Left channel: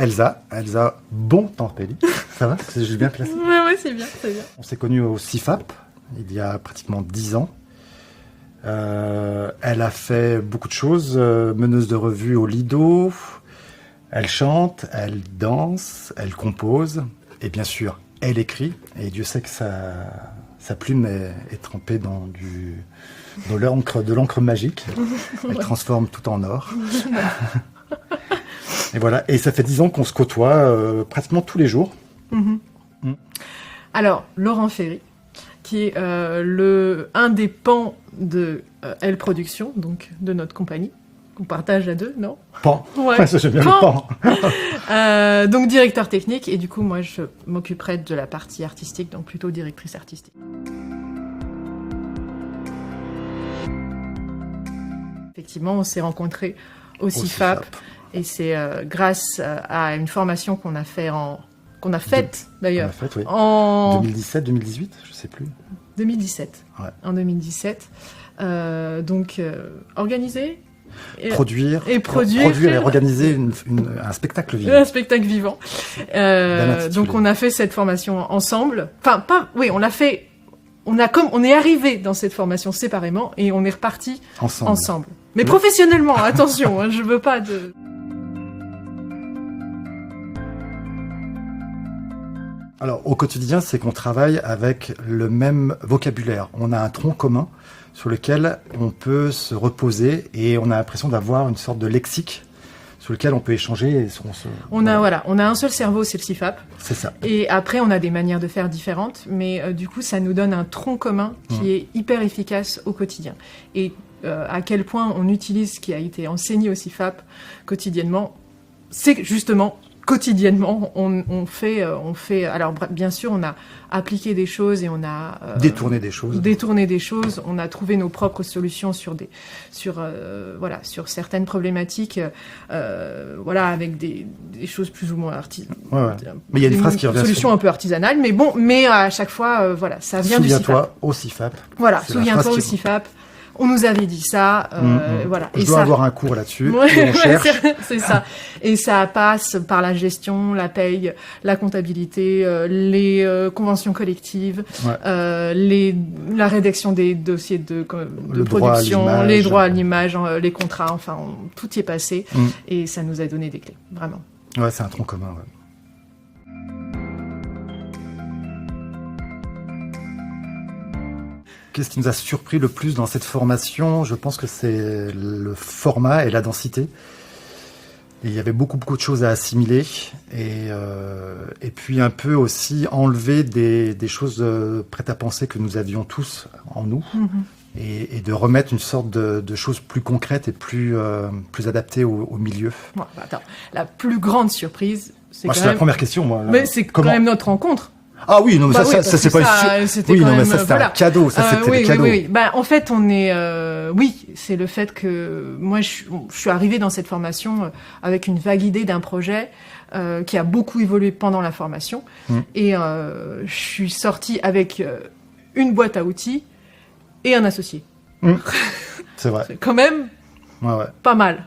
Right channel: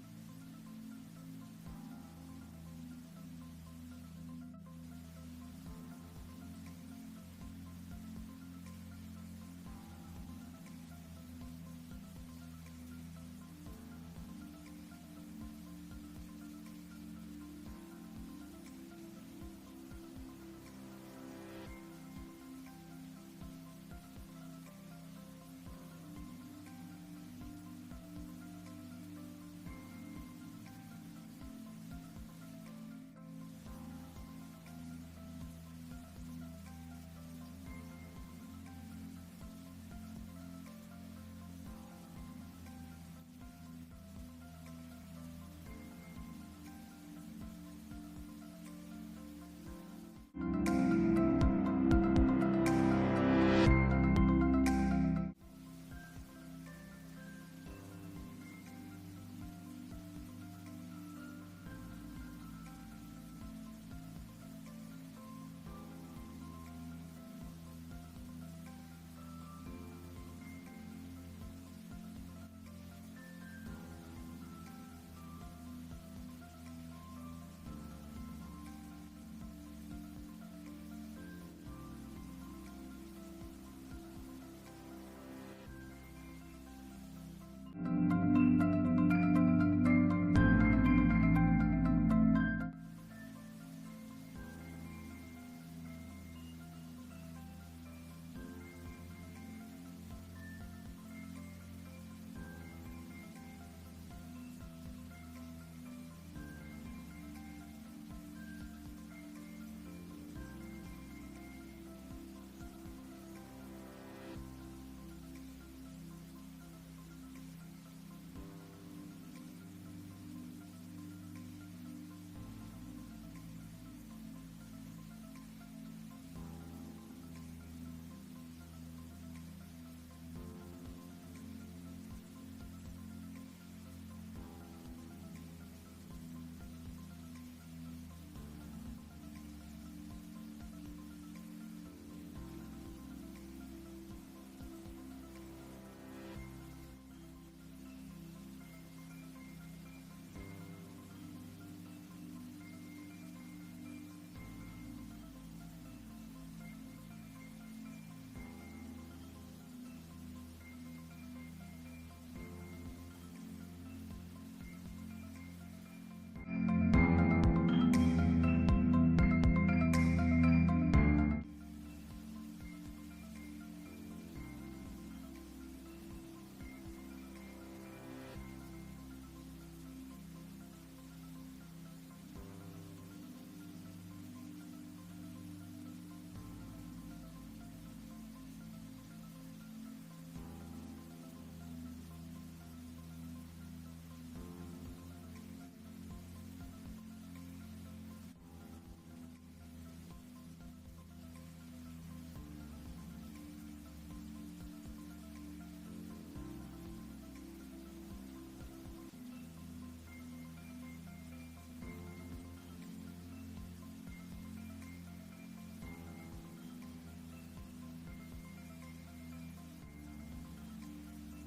Elsa Bontempelli. Ça va? J'ai bien placé. Ouais, c'est bien, c'est bien. On s'est connus au CIFAP, il y a pratiquement 10 ans. Elle a fait beaucoup de choses, meneuse de revue au Lido, elle chante, elle danse, elle compose, et bien sûr, elle écrit, et Dieu sait que sa plume est trempée dans de l'encre magique. Elle transforme tout en or. Et voilà, et ça fait 10 ans qu'on se côtoie pratiquement tous les jours. Alors, Laurent Ferry, qui est un des pans de L Production, donc de notre compagnie, qu'on partage à deux, non? Pan. Ouais. Ça, j'aime bien le pan. Donc directeur technique, et du coup, moi, je m'occuperai de la partie artistique, donc plutôt directrice artistique. Effectivement, on s'est rencontrés au CIFAP, et c'est grâce à une formation qu'on a faite d'ailleurs. Oui. En 2017, 2018, je sais plus. 2017. Ouais. En 2017. Organiser. Produire et organiser un spectacle vivant. Un spectacle vivant. Donc on a fait cette formation ensemble. Enfin, on l'a fait. On est arrivé dans cette formation séparément et on est reparti ensemble. Mais professionnellement, attention, je veux pas de. Alors, au quotidien, c'est qu'on travaille avec le même vocabulaire. On a un tronc commun sur lequel on peut se reposer et on a l'impression d'avoir une sorte de lexique sur lequel on peut échanger. On a un seul cerveau, c'est le CIFAP. C'est ça. Et après, on a des manières de faire différentes, mais du coup, ça nous donne un tronc commun qui est hyper efficace au quotidien. Et à quel point on utilise ce qui a été enseigné au CIFAP quotidiennement, c'est justement quotidiennement, on fait. Alors, bien sûr, on a appliqué des choses et on a détourné des choses. On a trouvé nos propres solutions sur certaines problématiques, avec des choses plus ou moins Mais il y a une phrase qui revient. Solutions un peu artisanales, mais à chaque fois, ça vient du CIFAP. Souviens-toi au CIFAP. Voilà, souviens-toi au CIFAP. On nous avait dit ça, voilà. Je dois avoir un cours là-dessus. Ouais, on cherche. c'est ça. Et ça passe par la gestion, la paye, la comptabilité, les conventions collectives, la rédaction des dossiers de production, les droits à l'image, les contrats, enfin, tout y est passé. Et ça nous a donné des clés, vraiment. Ouais, c'est un tronc commun. Ouais. Qu'est-ce qui nous a surpris le plus dans cette formation? Je pense que c'est le format et la densité. Et il y avait beaucoup de choses à assimiler. Et puis un peu aussi enlever des choses prêtes à penser que nous avions tous en nous. Et de remettre une sorte de choses plus concrètes et plus adaptées au milieu. Bon, attends, la plus grande surprise, c'est la première question, moi. Mais c'est quand même notre rencontre. Ah oui, non, mais ça c'est pas une... Oui, non, mais ça c'était un cadeau, ça c'était le cadeau. Oui. En fait, on est... c'est le fait que moi, je suis arrivée dans cette formation avec une vague idée d'un projet qui a beaucoup évolué pendant la formation. Et je suis sortie avec une boîte à outils et un associé. C'est vrai. C'est quand même pas mal.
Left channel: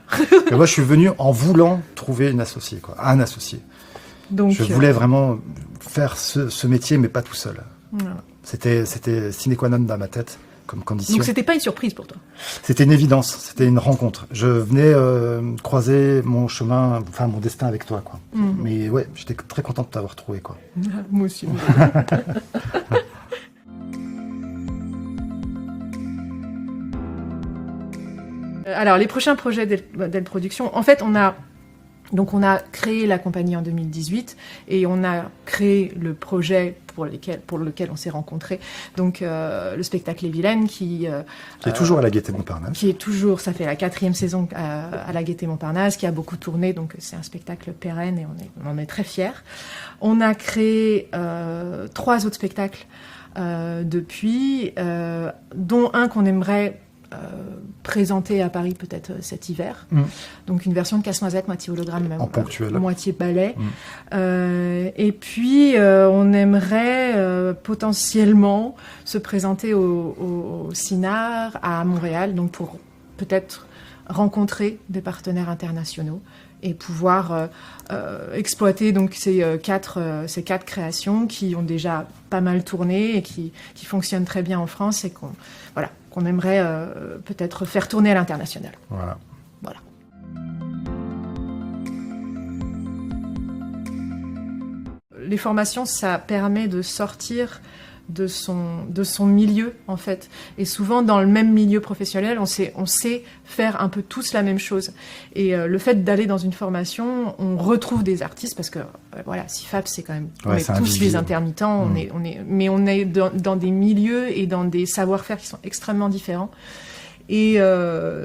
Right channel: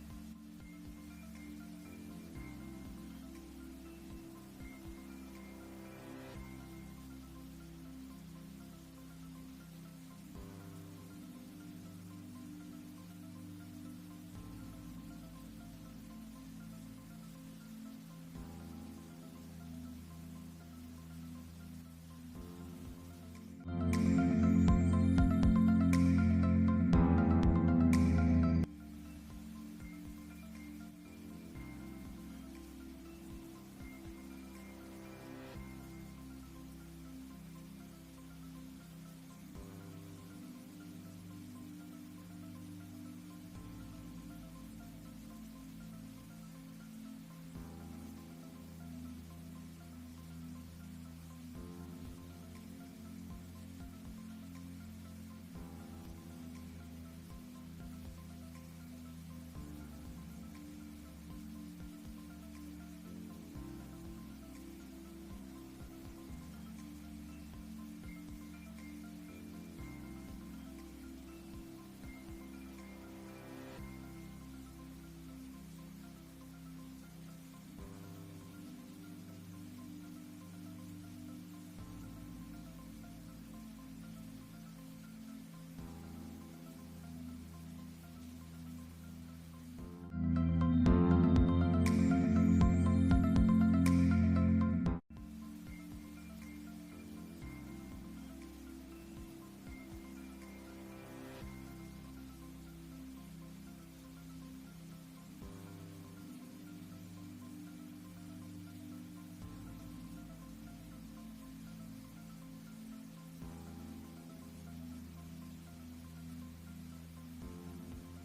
Et moi, je suis venu en voulant trouver un associé. Donc, je voulais vraiment faire ce métier, mais pas tout seul. C'était sine qua non dans ma tête comme condition. Donc c'était pas une surprise pour toi? C'était une évidence, c'était une rencontre. Je venais croiser mon chemin, enfin mon destin avec toi, quoi. Mais ouais, j'étais très content de t'avoir trouvé, quoi. Moi aussi. Alors les prochains projets d'L Production, en fait on a créé la compagnie en 2018 et on a créé le projet pour lequel on s'est rencontrés. Donc le spectacle Les Vilaines qui est toujours à la Gaîté Montparnasse. Ça fait la 4e saison à la Gaîté Montparnasse, qui a beaucoup tourné, donc c'est un spectacle pérenne et on en est très fiers. On a créé 3 autres spectacles depuis, dont un qu'on aimerait présenté à Paris peut-être cet hiver. Donc une version de Casse-Noisette, moitié hologramme, en ponctuel. Moitié ballet. Et puis on aimerait potentiellement se présenter au CINAR à Montréal, donc pour peut-être rencontrer des partenaires internationaux et pouvoir exploiter donc ces quatre créations qui ont déjà pas mal tourné et qui fonctionnent très bien en France et qu'on aimerait peut-être faire tourner à l'international. Voilà. Les formations, ça permet de sortir de son milieu, en fait. Et souvent, dans le même milieu professionnel, on sait faire un peu tous la même chose. Et le fait d'aller dans une formation, on retrouve des artistes, parce que, voilà, CIFAP, c'est quand même... on est tous des intermittents, mais on est dans des milieux et dans des savoir-faire qui sont extrêmement différents. Et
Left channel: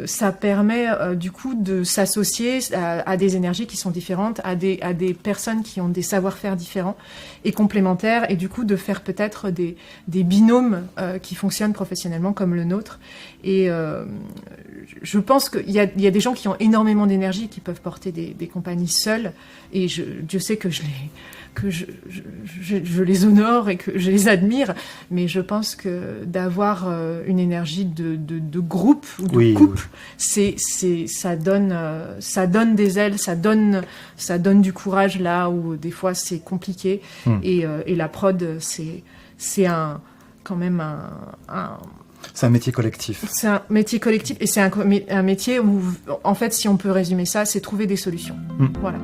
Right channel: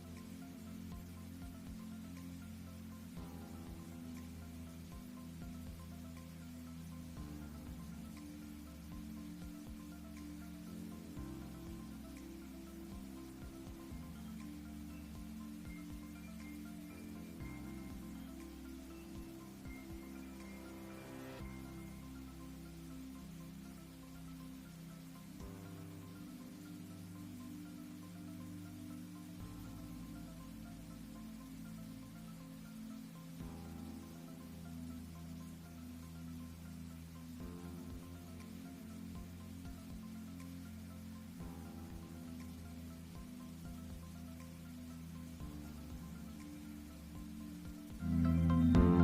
ça permet du coup de s'associer à des énergies qui sont différentes, à des personnes qui ont des savoir-faire différents et complémentaires, et du coup de faire peut-être des binômes qui fonctionnent professionnellement comme le nôtre. Et je pense qu'il y a des gens qui ont énormément d'énergie et qui peuvent porter des compagnies seules, et Dieu sait que je les honore et que je les admire, mais je pense que d'avoir une énergie de groupe ou de couple, ça donne des ailes, ça donne du courage là où des fois c'est compliqué. Et la prod, c'est quand même c'est un métier collectif. C'est un métier collectif et c'est un métier où, en fait, si on peut résumer ça, c'est trouver des solutions. Voilà.